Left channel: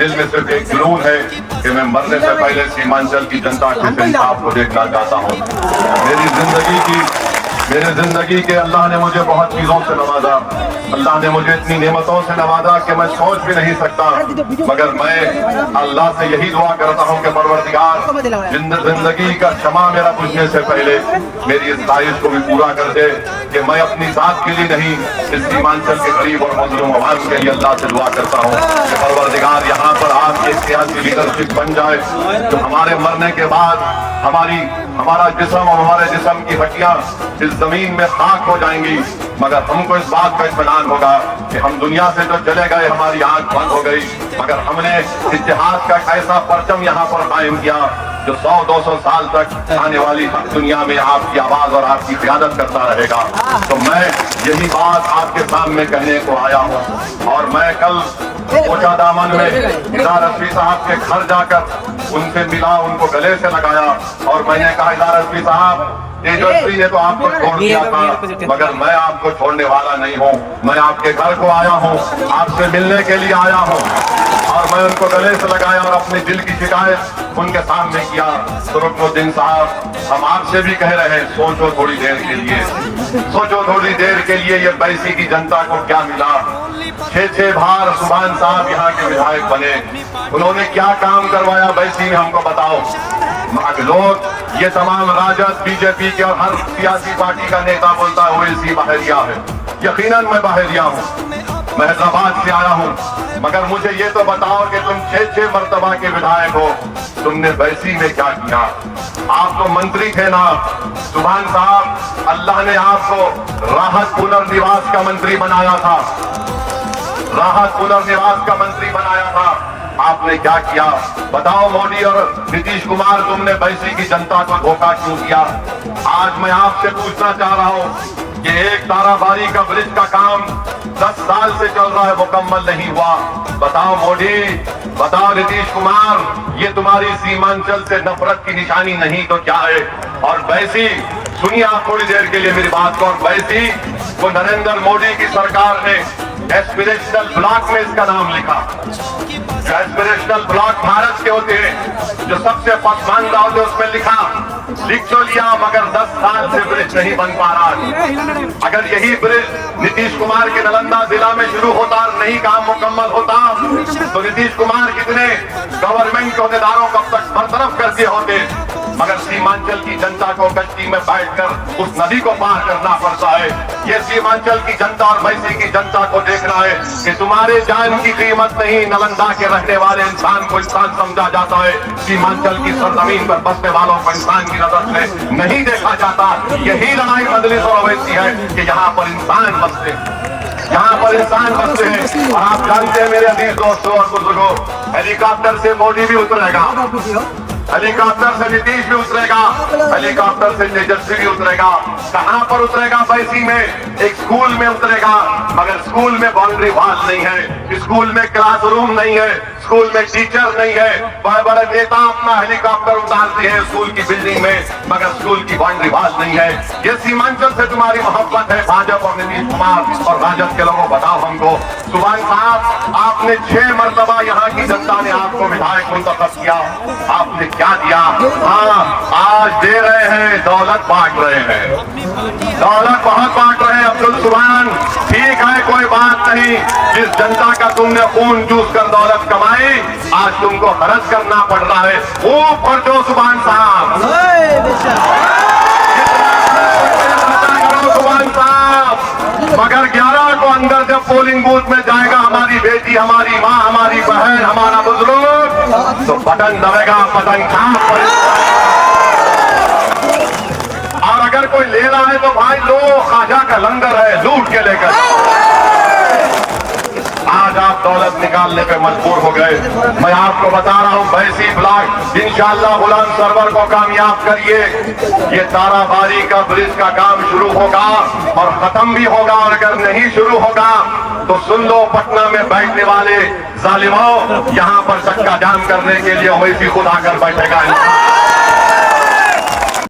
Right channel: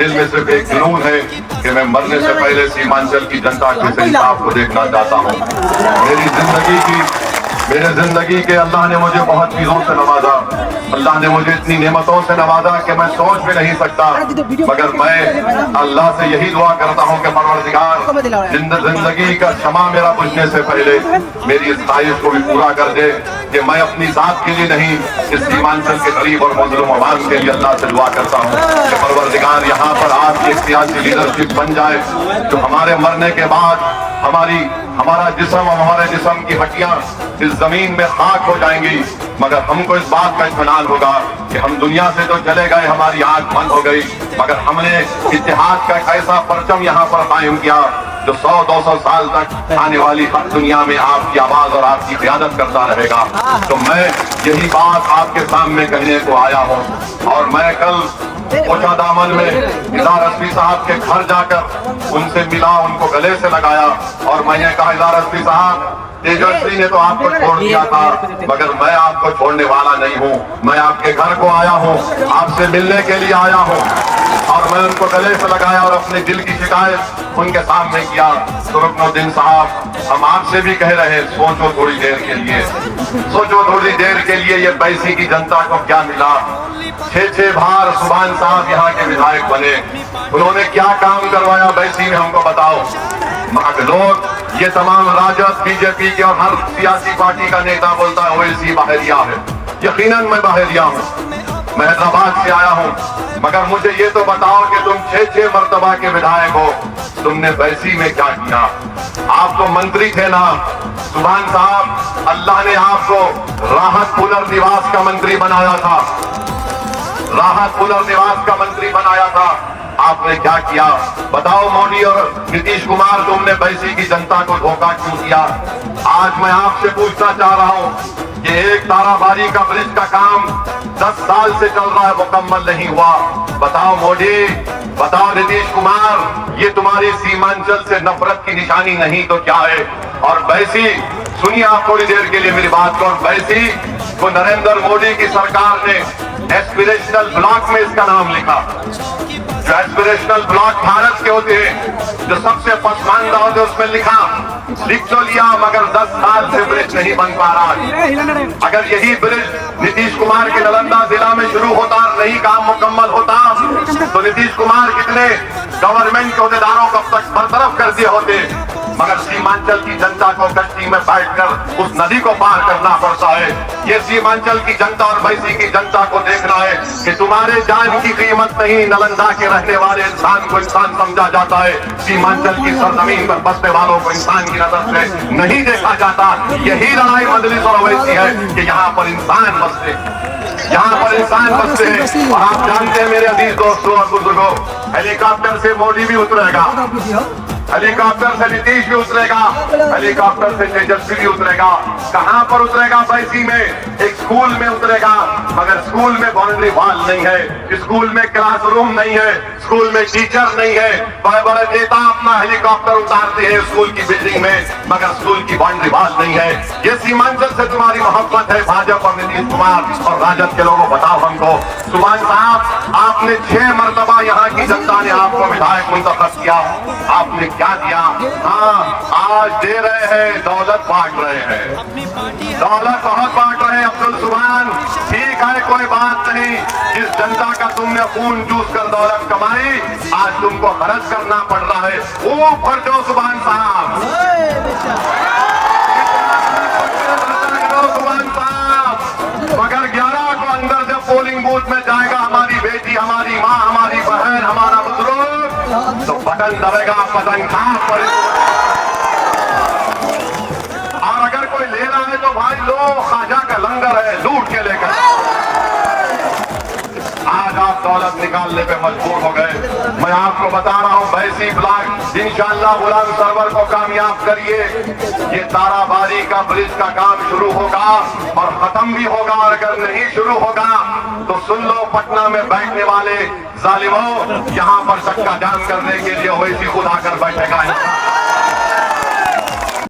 दिल में सिर्फ एक जुनून है कि मैं मरने से पहले सीमांचल की जनता के सही आपको देखना चाहता हूँ। मेरी जिंदगी के अल्लाह ने मुझे बहुत चीजों से नवाजा, अल्लाह ने मुझे इतनी नेमतों से नवाजा कि मैं सोच भी नहीं सकता। मगर मैं अल्लाह से यही दुआ करता हूँ कि परवरदिगार जिंदगी का क्षमा मेरा बुझने से पहले मेरी इस ख्वाहिश को भी पूरा कर दे कि मैं अपनी जात के लिए नहीं, इस सीमांचल के गरीब और मजलूम आवाज के लिए अल्लाह से दुआ करता हूँ कि परवरदिगार यहाँ पर आपकी सियासी लीडरशिप बन जाए, तो हमारे मरने के बाद हमारा जिस्म और हमारे जिस्म की हड्डियां इस जमीन में खाक हो जाएंगी, मगर हमको इस बात का इत्मीनान होगा कि हम दुनिया से जो चले गए, हमारी आंख बंद हो गई, मगर हमने इतिहास का एक ऐसा परचम यहाँ पर कायम किया जो 100-200 साल तक आने वाली दुनिया में आपकी आवाज और आपकी क़यादत करता रहेगा। तो मैं यही बात आपके सामने कहने को आया हूँ। और मैं कल ऊंचा दामन में इदार रज़वी साहब के घर जाकर उनसे मिला, उनको गले से लगाया और मैंने कहा, इदार रज़वी साहब, तेजस्वी ने तो आपको छोड़ दिया था, मगर मैं आपको छोड़ने वाला नहीं हूँ। मैं आपके घर को आया हूँ, आपसे मिलने के लिए आया हूँ। और मैं उनको गले से लगाया और अपने दिल की शिकायत उनके सामने किया। तो रुकनुद्दीन साहब, हम आपसे भी कह रहे हैं, सोचो थोड़ी देर के लिए, सोचो थोड़ी देर के लिए ये बैसी की जनता को क्या मिला। 6 बार सुभान साहब यहाँ के विधायक बने, उन्होंने क्या काम करवाया बैसी में, हमको बताओ। लोग ये तमाम राजद, बीजेपी के और हर सियासी पार्टी का नेता बोलता है ओवैसी बहरिया है। यकीनन मैं बहरिया हूँ, मैं हैदराबाद से आया हूँ, मगर मुझे ये तो बताओ कि तुम 6 मर्तबा के विधायक हो, तुमने बैसी में क्या किया? आप तो मंत्री थे ना सुभान साहब, अल्लाह ने आपको राहत पुनर्निवास का मंत्री बनाया था, राहत पुनर्निवास का मंत्री बनाया था। आपने क्या किया बताओ? मोदी और नीतीश कुमार, तुमने बैसी की जनता को धोखा क्यों किया? आज मैं आपसे पूछना चाह रहा हूँ कि एक ताराबाड़ी का ब्रिज का काम 10 साल से चल रहा है, मुकम्मल नहीं हुआ। बताओ मोदी, बताओ नीतीश कुमार, ये तुम्हारी सीमांचल से नफरत की निशानी नहीं तो क्या है? और बैसी, सुनिए आप थोड़ी देर के लिए मेरी बात को, और बैसी को नरेंद्र मोदी की सरकार ने एस्पिरेशनल ब्लॉक में इसका नाम लिखा। एस्पिरेशनल ब्लॉक भारत के होते हैं, जो सबसे पसमानदा होते उसमें लिख तो लिया, मगर 10 साल से ब्रिज नहीं बन पा रहा। अगर यही ब्रिज नीतीश कुमार के नालंदा जिला में शुरू होता और नहीं काम मुकम्मल होता, तो नीतीश कुमार कितने गवर्नमेंट के अहदेदारों को अब तक बरतरफ कर दिए होते। मगर सीमांचल की जनता को कश्ती में बैठकर उस नदी को पार करना पड़ता है। ये सीमांचल की जनता और बैसी की जनता को देखना है कि तुम्हारे जान की कीमत नहीं, नालंदा के रहने वाले इंसान को इंसान समझा जाता है, सीमांचल की सरजमीन पर बसने वालों को इंसान की नजर से नहीं देखा जाता। यही लड़ाई मजलिस और ओवैसी है कि यहाँ पर इंसान बसते, यहाँ पर इंसान बसते हैं। और आप जानते हैं मेरे अजीज दोस्तों और बुजुर्गों, हेलीकॉप्टर से मोदी भी उतरेगा, हेलीकॉप्टर से नीतीश भी उतरेगा, हेलीकॉप्टर से तेजस्वी भी उतरेगा। कहां पर उतरेगा? बैसी में एक स्कूल में उतरेगा, मगर स्कूल में बाउंड्री वॉल नहीं है, स्कूल में क्लासरूम नहीं है, स्कूल में टीचर नहीं है। बड़े बड़े नेता अपना हेलीकॉप्टर उतारते हैं स्कूल की बिल्डिंग में, मगर स्कूल की बाउंड्री वॉल नहीं है। ये सीमांचल से तुम्हारी मोहब्बत है भाजपा और नीतीश कुमार और राजद के लोगों, बताओ हमको। सुभान साहब, आपने 6 मरतबा यहाँ की जनता ने आपको विधायक मुंतखब किया, आपने क्या दिया? हाँ, आज दे रहे हैं, दौलत बांट रहे हैं, दौलत बहुत बांट रहे हैं। अब्दुल सुभान, ठीक है, कोई बात नहीं, जिस जनता का तुमने खून चूस कर दौलत कमाई, आज तुमको खर्च करना पड़ रहा है। ऊपर दो सुभान साहब, सुभान साहब। मगर 11 को अंदर जब पोलिंग बूथ में जाएगा हमारी बेटी, हमारी माँ, हमारी बहन, हमारा बुजुर्ग, तो बटन दबेगा, बटन साफ। और अगर कोई ले रहा है तो भाई लो, खाजा का लंगर है, लूट के लेकर। आज आप दौलत निकालने पे मजबूर हो गए। मैं आपको बता रहा हूँ, बैसी ब्लॉक इंशाअल्लाह गुलाम सरवर को कामयाब करिए, ये ताराबाड़ी का ब्रिज का काम शुरू होगा और खत्म भी होगा। और अगर नहीं शुरू होगा तो सुन लो, पटना में बैठने वाले जालिमों, यहाँ पर चक्का जाम करने के लिए ओवैसी खुद आकर बैठेगा।